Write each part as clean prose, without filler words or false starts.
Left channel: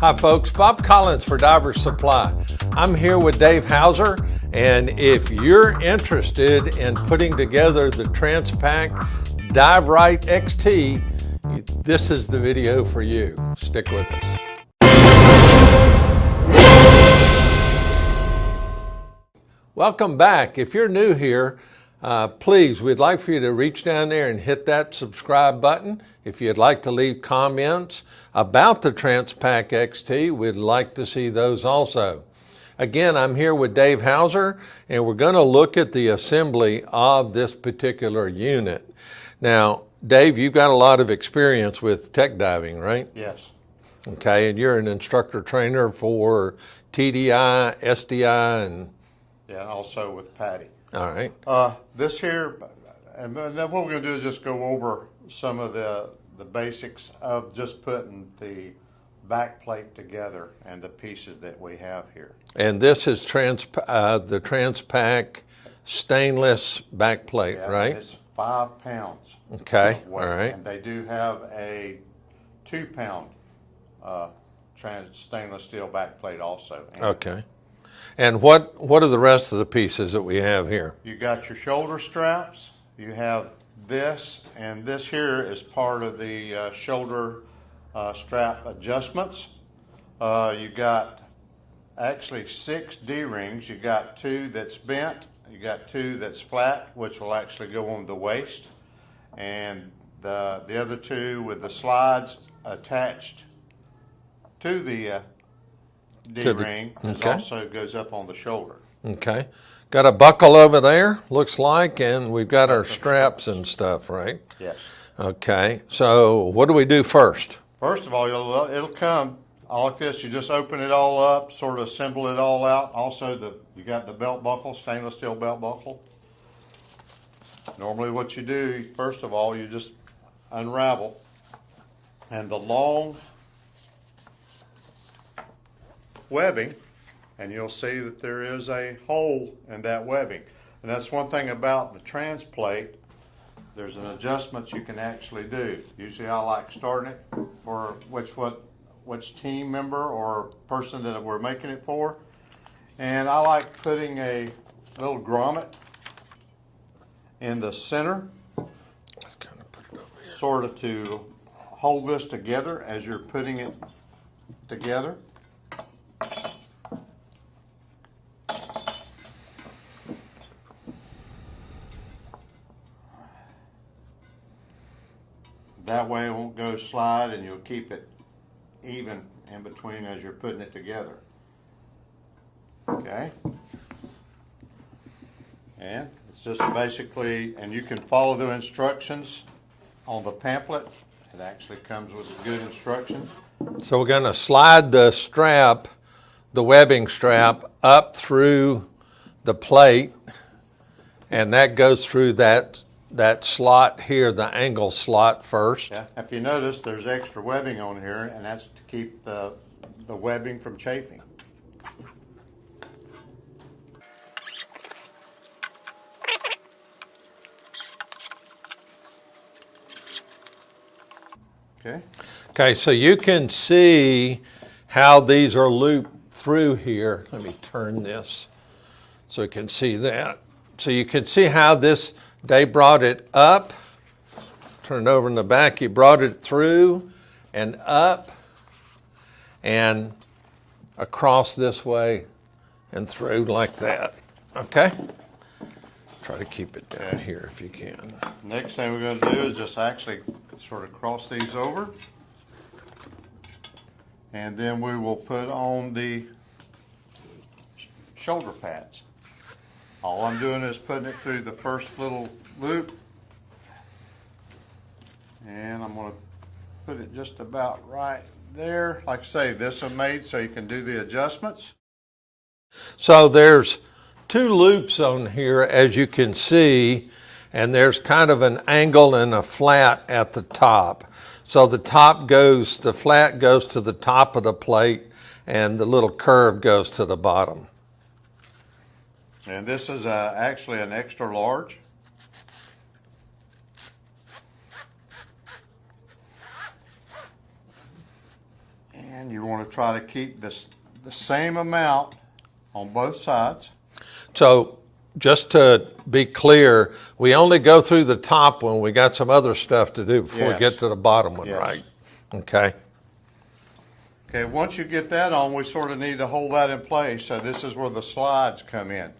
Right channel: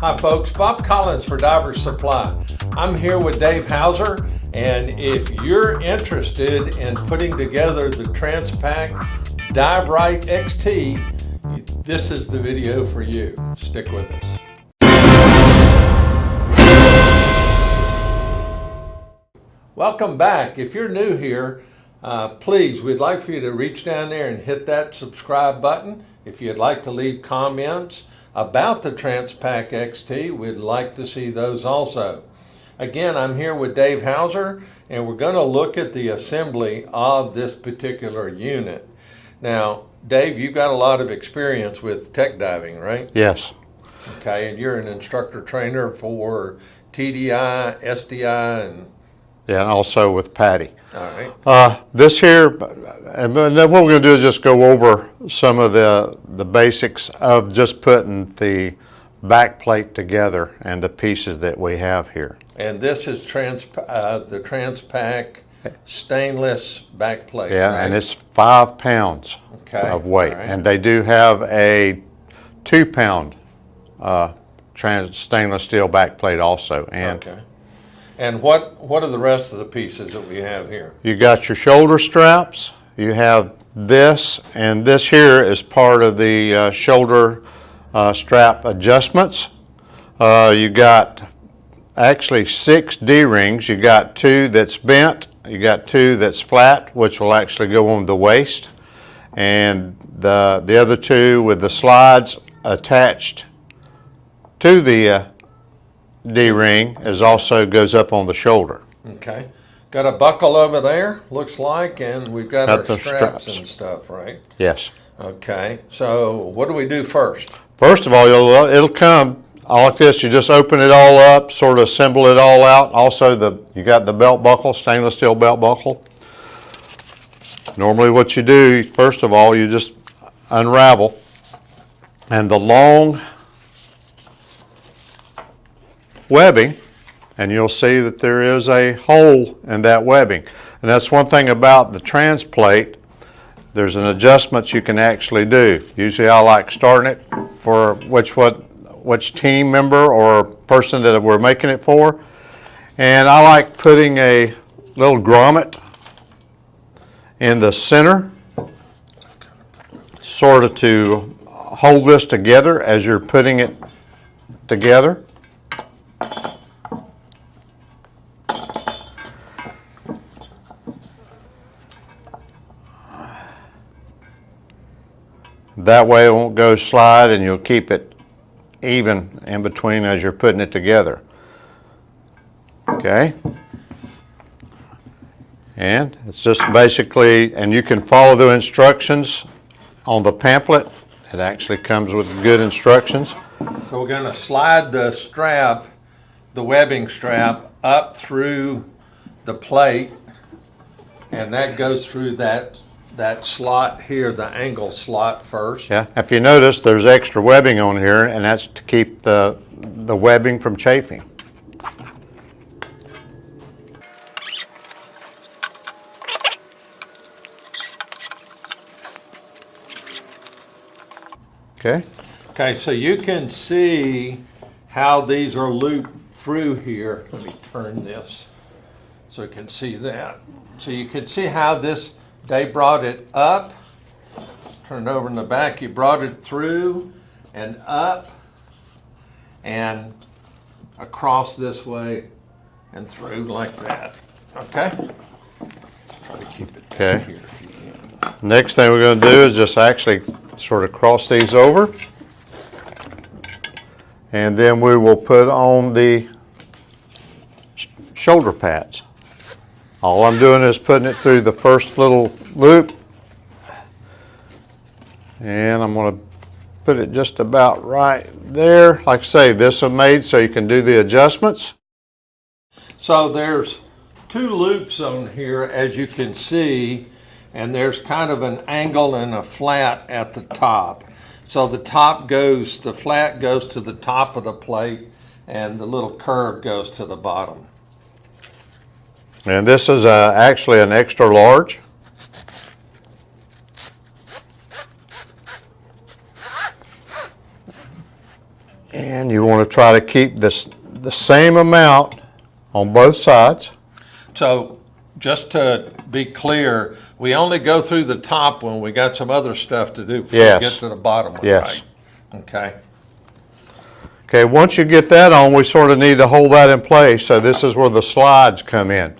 Hi folks, Bob Collins for Divers Supply. I'm here with Dave Hauser, and if you're interested in putting together the Transpac Rite XT, this is the video for you. Stick with us. Welcome back. If you're new here, please, we'd like for you to reach down there and hit that subscribe button. If you'd like to leave comments about the Transpac XT, we'd like to see those also. Again, I'm here with Dave Hauser, and we're going to look at the assembly of this particular unit. Now, Dave, you've got a lot of experience with tech diving, right? Yes. Okay, and you're an instructor trainer for TDI, SDI, and... Yeah, and also with Patty. All right. This here, and then what we're going to do is just go over some of the basics of just putting the back plate together and the pieces that we have here. And this is the Transpac stainless back plate, Yeah, right? and it's 5 pounds of weight. Right. And they do have a 2-pound stainless steel back plate also. And okay. And what are the rest of the pieces that we have here? You got your shoulder straps, you have this, and this here is part of the shoulder strap adjustments. You got actually 6 D-rings. You got 2 that's bent, you got 2 that's flat, which will actually go on the waist, and the other 2 with the slides attached to the D-ring is also goes up on the shoulder. Okay. Got a buckle over there, looks like, and we've got our straps and stuff, right? Yes. Okay. So what do we do first? First of all, it'll come all like this. You just open it all up, sort of assemble it all out. Also, you got the belt buckle, stainless steel belt buckle. Normally what you do, first of all, you just unravel, and the long webbing, and you'll see that there is a hole in that webbing. And that's one thing about the trans plate. There's an adjustment you can actually do. Usually I like starting it for which team member or person that we're making it for. And I like putting a little grommet in the center, sort of to hold this together as you're putting it together. That way it won't go slide, and you'll keep it even in between as you're putting it together. Okay? And it's just basically, and you can follow the instructions on the pamphlet. It actually comes with good instructions. So we're going to slide the strap, the webbing strap, up through the plate, and that goes through that slot here, the angle slot first. Yeah, if you notice, there's extra webbing on here, and that's to keep the webbing from chafing. Okay. Okay, so you can see how these are looped through here. Let me turn this so you can see that. So you can see how they brought it up, turn it over in the back, he brought it through and up and across this way and through like that. Okay? Try to keep it down here if you can. Next thing we're going to do is just actually sort of cross these over, and then we will put on the shoulder pads. All I'm doing is putting it through the first little loop, and I'm going to put it just about right there. Like I say, this is made so you can do the adjustments. So there's 2 loops on here, as you can see, and there's kind of an angle and a flat at the top. So the flat goes to the top of the plate, and the little curve goes to the bottom. And this is actually an extra large. And you want to try to keep this the same amount on both sides. So just to be clear, we only go through the top one. We got some other stuff to do before Yes. we get to the bottom one, Yes. right? Okay. Okay, once you get that on, we sort of need to hold that in place. So this is where the slides come in.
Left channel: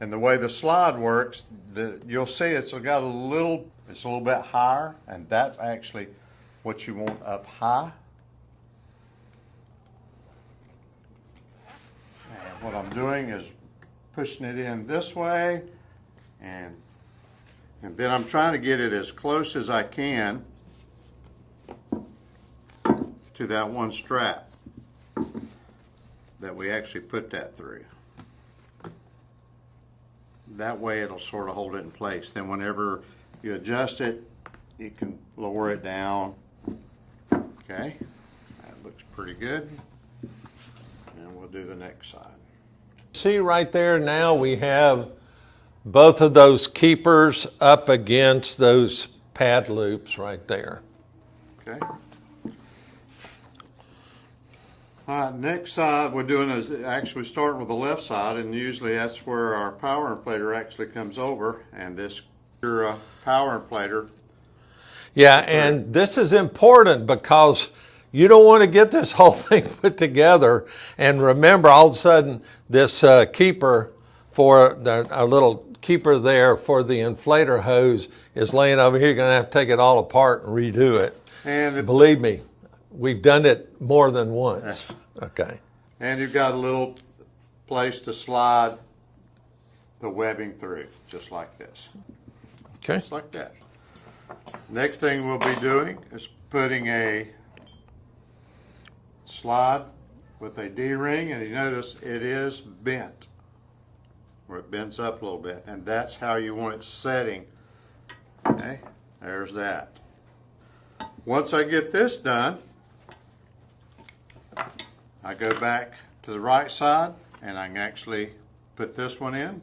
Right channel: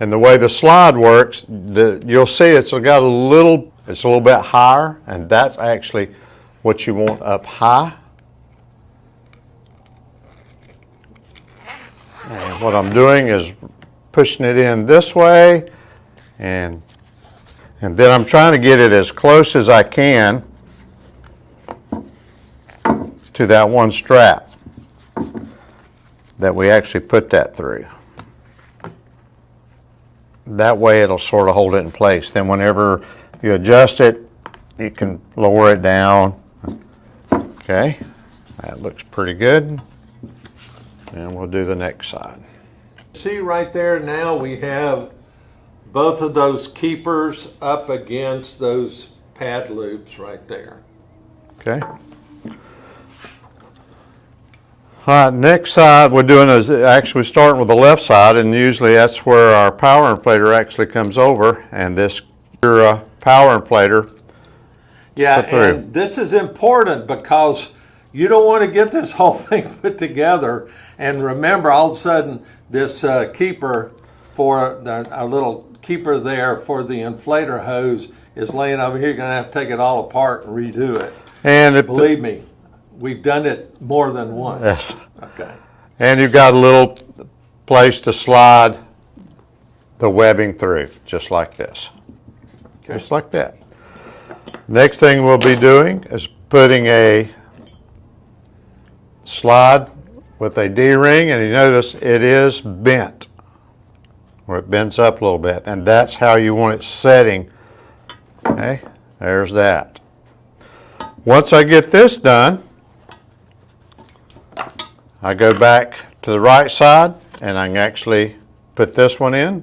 And the way the slide works, you'll see it's got it's a little bit higher, and that's actually what you want up high. And what I'm doing is pushing it in this way, and then I'm trying to get it as close as I can to that one strap that we actually put that through. That way it'll sort of hold it in place. Then whenever you adjust it, you can lower it down. Okay, that looks pretty good. And we'll do the next side. See right there now we have both of those keepers up against those pad loops right there. Okay. All right, next side we're doing is actually starting with the left side, and usually that's where our power inflator actually comes over, and this power inflator. Yeah, and this is important because you don't want to get this whole thing put together and remember all of a sudden this keeper for a little keeper there for the inflator hose is laying over here. You're going to have to take it all apart and redo it. And believe me, we've done it more than once. Yes. Okay. And you've got a little place to slide the webbing through, just like this. Okay. Just like that. Next thing we'll be doing is putting a slide with a D-ring, and you notice it is bent, or it bends up a little bit, and that's how you want it setting. Okay, there's that. Once I get this done, I go back to the right side, and I can actually put this one in.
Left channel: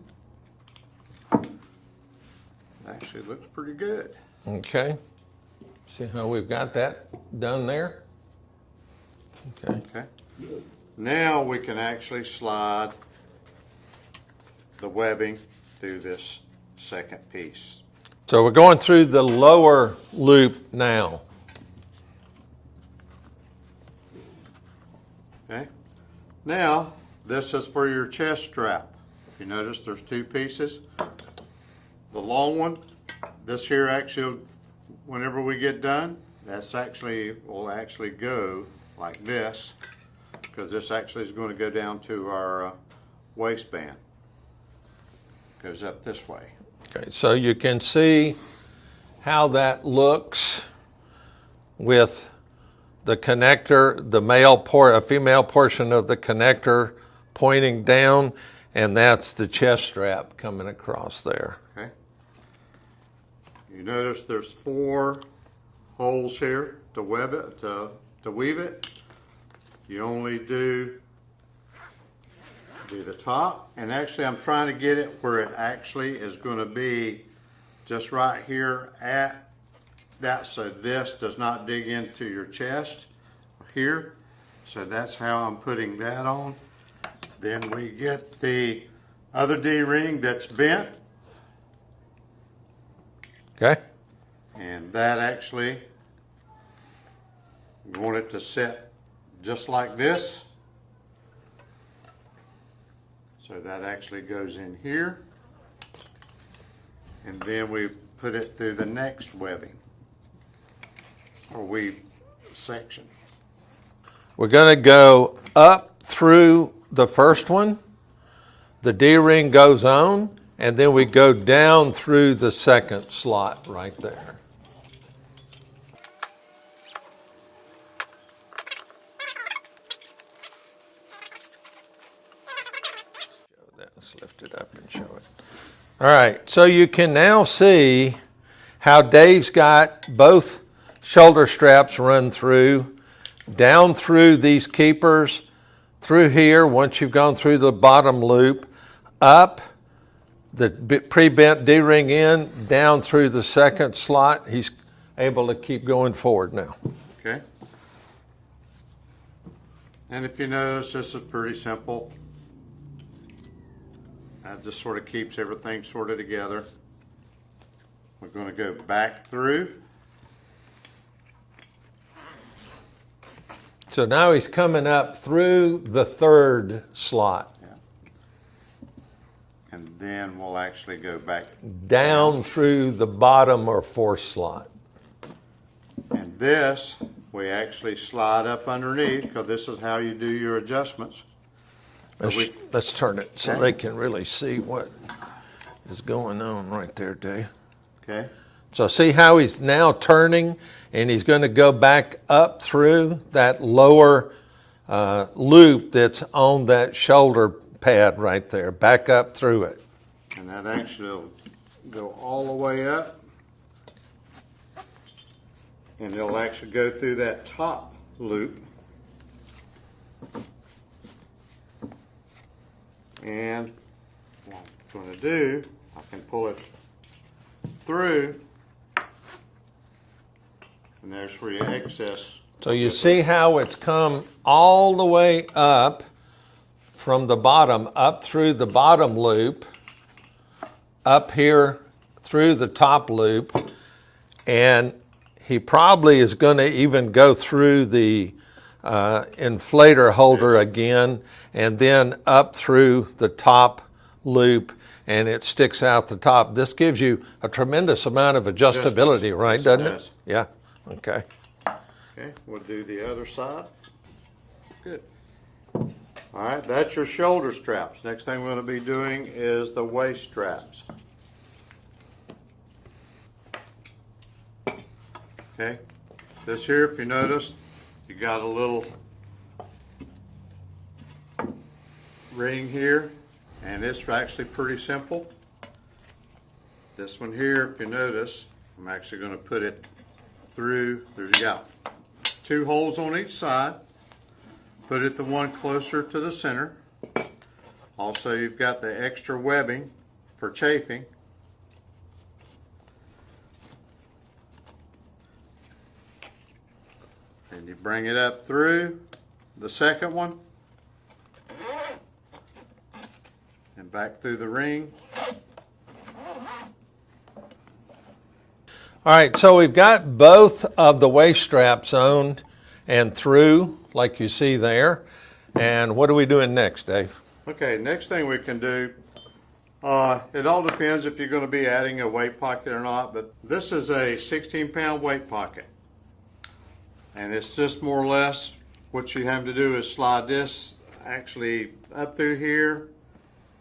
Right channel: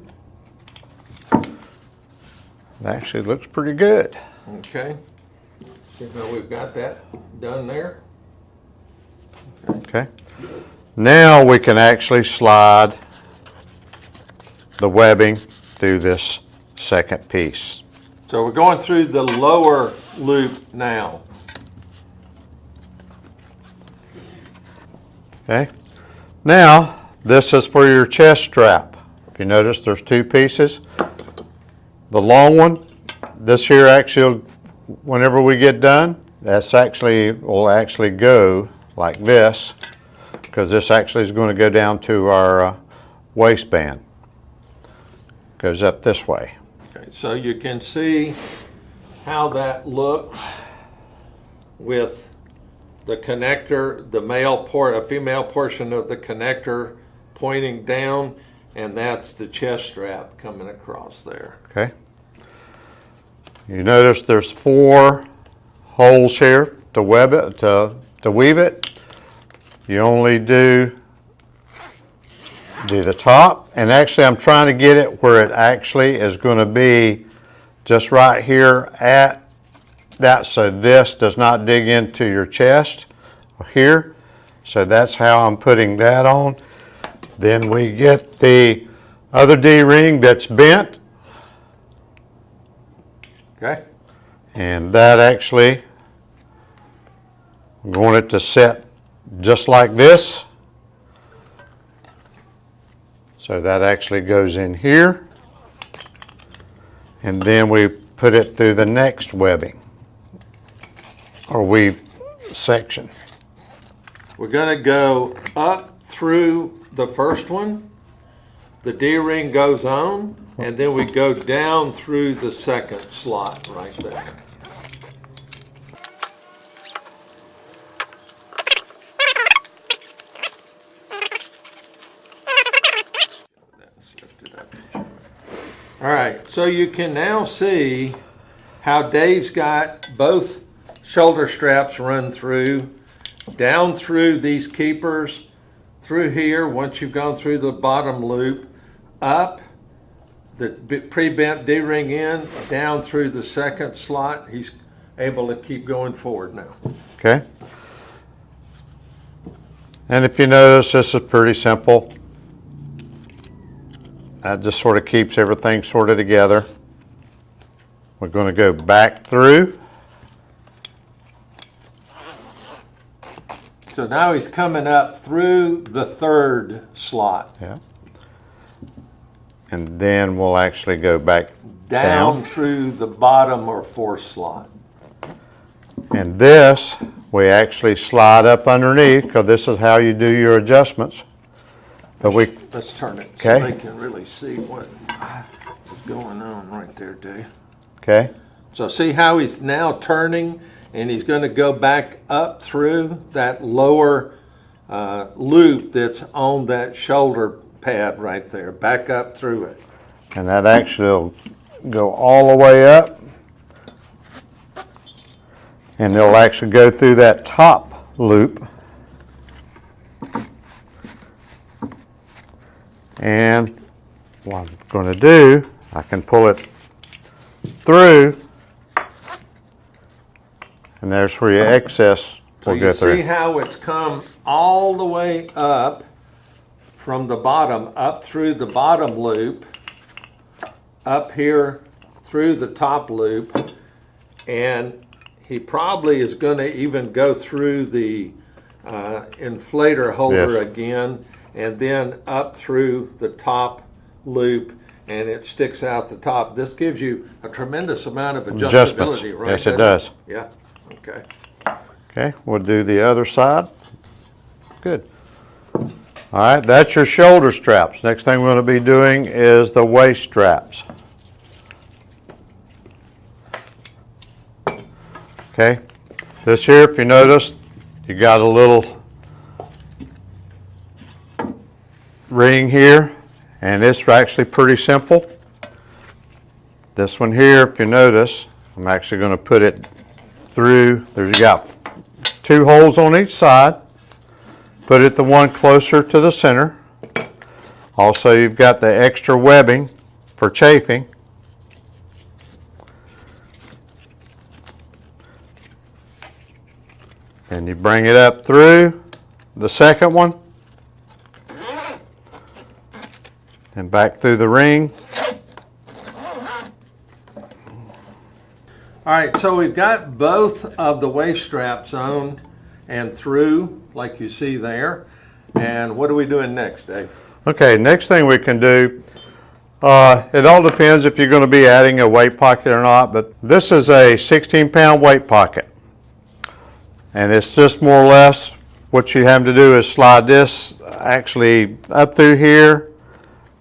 It actually looks pretty good. Okay. See how we've got that done there? Okay. Now we can actually slide the webbing through this second piece. So we're going through the lower loop now. Okay. Now this is for your chest strap. If you notice, there's two pieces. The long one, this here actually, whenever we get done, will actually go like this, because this actually is going to go down to our waistband. Goes up this way. Okay, so you can see how that looks with the connector, a female portion of the connector pointing down, and that's the chest strap coming across there. Okay. You notice there's 4 holes here to web it, to weave it. You only do the top, and actually I'm trying to get it where it actually is going to be just right here at that, so this does not dig into your chest here. So that's how I'm putting that on. Then we get the other D-ring that's bent. Okay. And that actually, we want it to set just like this. So that actually goes in here. And then we put it through the next webbing, or weave section. We're going to go up through the first one. The D-ring goes on, and then we go down through the second slot right there. Let's lift it up and show it. All right, so you can now see how Dave's got both shoulder straps run through, down through these keepers, through here, once you've gone through the bottom loop, up, the pre-bent D-ring in, down through the second slot. He's able to keep going forward now. Okay. And if you notice, this is pretty simple. That just sort of keeps everything sort of together. We're going to go back through. So now he's coming up through the third slot. Yeah. And then we'll actually go back Down through the bottom or fourth slot. And this, we actually slide up underneath, because this is how you do your adjustments. But Let's turn it so Okay. they can really see what is going on right there, Dave. Okay. So see how he's now turning, and he's going to go back up through that lower loop that's on that shoulder pad right there, back up through it. And that actually will go all the way up. And it'll actually go through that top loop. And what I'm going to do, I can pull it through, and there's where your excess So will you go see through. how it's come all the way up from the bottom, up through the bottom loop, up here through the top loop, and he probably is going to even go through the inflator holder Yes. again, and then up through the top loop, and it sticks out the top. This gives you a tremendous amount of adjustability, Adjustments. right? Yes, it does. Yeah, okay. Okay, we'll do the other side. Good. All right, that's your shoulder straps. Next thing we're going to be doing is the waist straps. Okay, this here, if you notice, you got a little ring here, and it's actually pretty simple. This one here, if you notice, I'm actually going to put it through. There's you got 2 holes on each side. Put it the one closer to the center. Also, you've got the extra webbing for chafing. And you bring it up through the second one and back through the ring. All right, so we've got both of the waist straps on and through, like you see there. And what are we doing next, Dave? Okay, next thing we can do, it all depends if you're going to be adding a weight pocket or not, but this is a 16-pound weight pocket. And it's just more or less what you have to do is slide this actually up through here,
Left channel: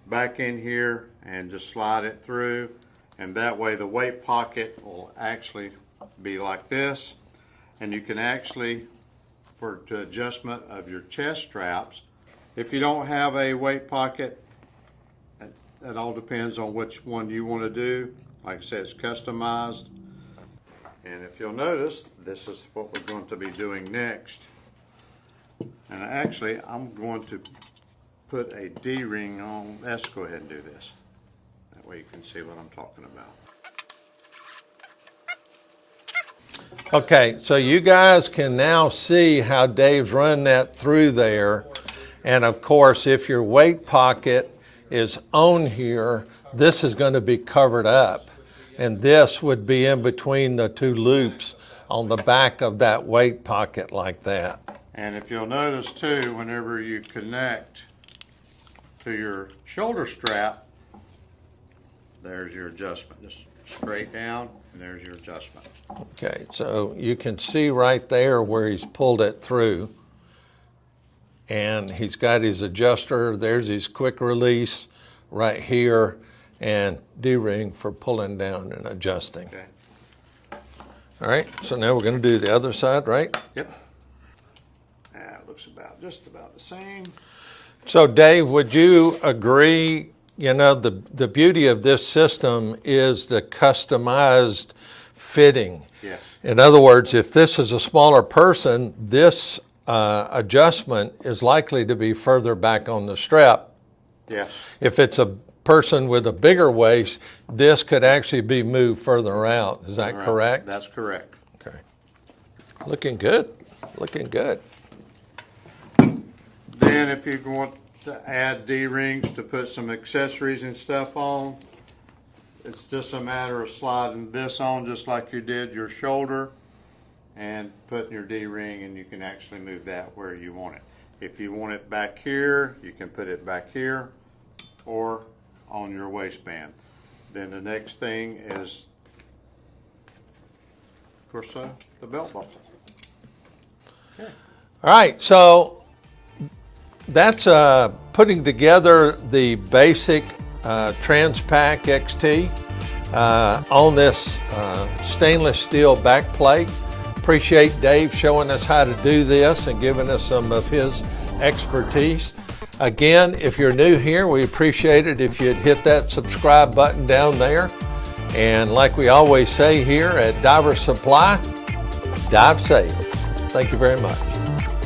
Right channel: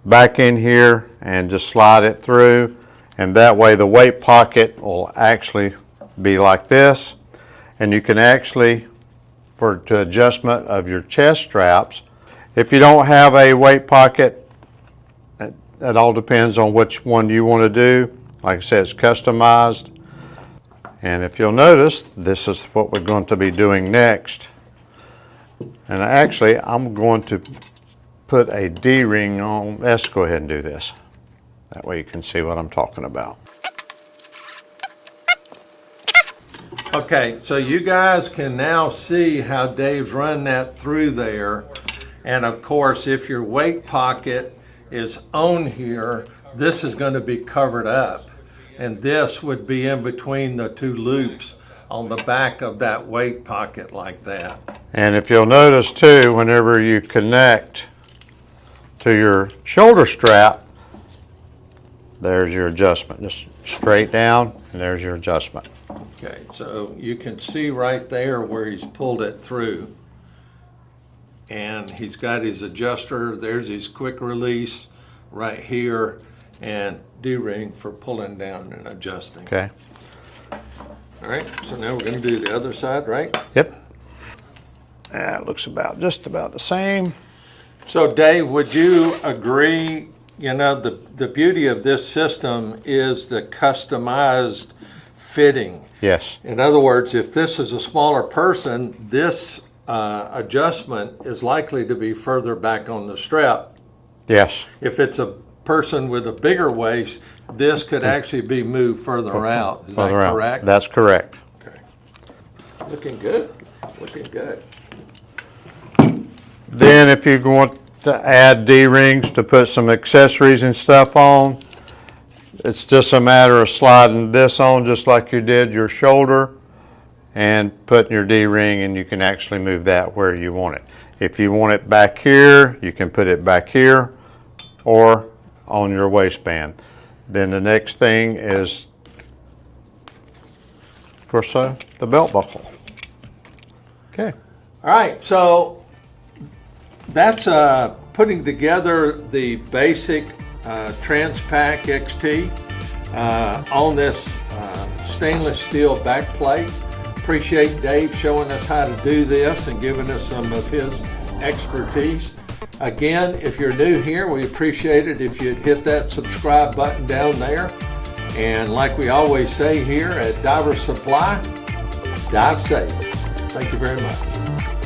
back in here, and just slide it through. And that way the weight pocket will actually be like this. And you can actually, for the adjustment of your chest straps, if you don't have a weight pocket, it all depends on which one you want to do. Like I said, it's customized. And if you'll notice, this is what we're going to be doing next. And actually, I'm going to put a D-ring on. Let's go ahead and do this. That way you can see what I'm talking about. Okay, so you guys can now see how Dave's run that through there. And of course, if your weight pocket is on here, this is going to be covered up. And this would be in between the 2 loops on the back of that weight pocket like that. And if you'll notice too, whenever you connect to your shoulder strap, there's your adjustment. Just straight down, and there's your adjustment. Okay, so you can see right there where he's pulled it through. And he's got his adjuster. There's his quick release right here, and D-ring for pulling down and adjusting. Okay. All right, so now we're going to do the other side, right? Yep. That looks just about the same. So Dave, would you agree, you know, the beauty of this system is the customized fitting. Yes. In other words, if this is a smaller person, this adjustment is likely to be further back on the strap. Yes. If it's a person with a bigger waist, this could actually be moved further out. Is that correct? That's correct. Okay. Looking good. Looking good. Then if you want to add D-rings to put some accessories and stuff on, it's just a matter of sliding this on just like you did your shoulder and putting your D-ring, and you can actually move that where you want it. If you want it back here, you can put it back here or on your waistband. Then the next thing is, of course, the belt buckle. Okay. All right, so that's putting together the basic Transpac XT on this stainless steel back plate. Appreciate Dave showing us how to do this and giving us some of his expertise. Again, if you're new here, we appreciate it if you'd hit that subscribe button down there. And like we always say here at Diver Supply, dive safe. Thank you very much.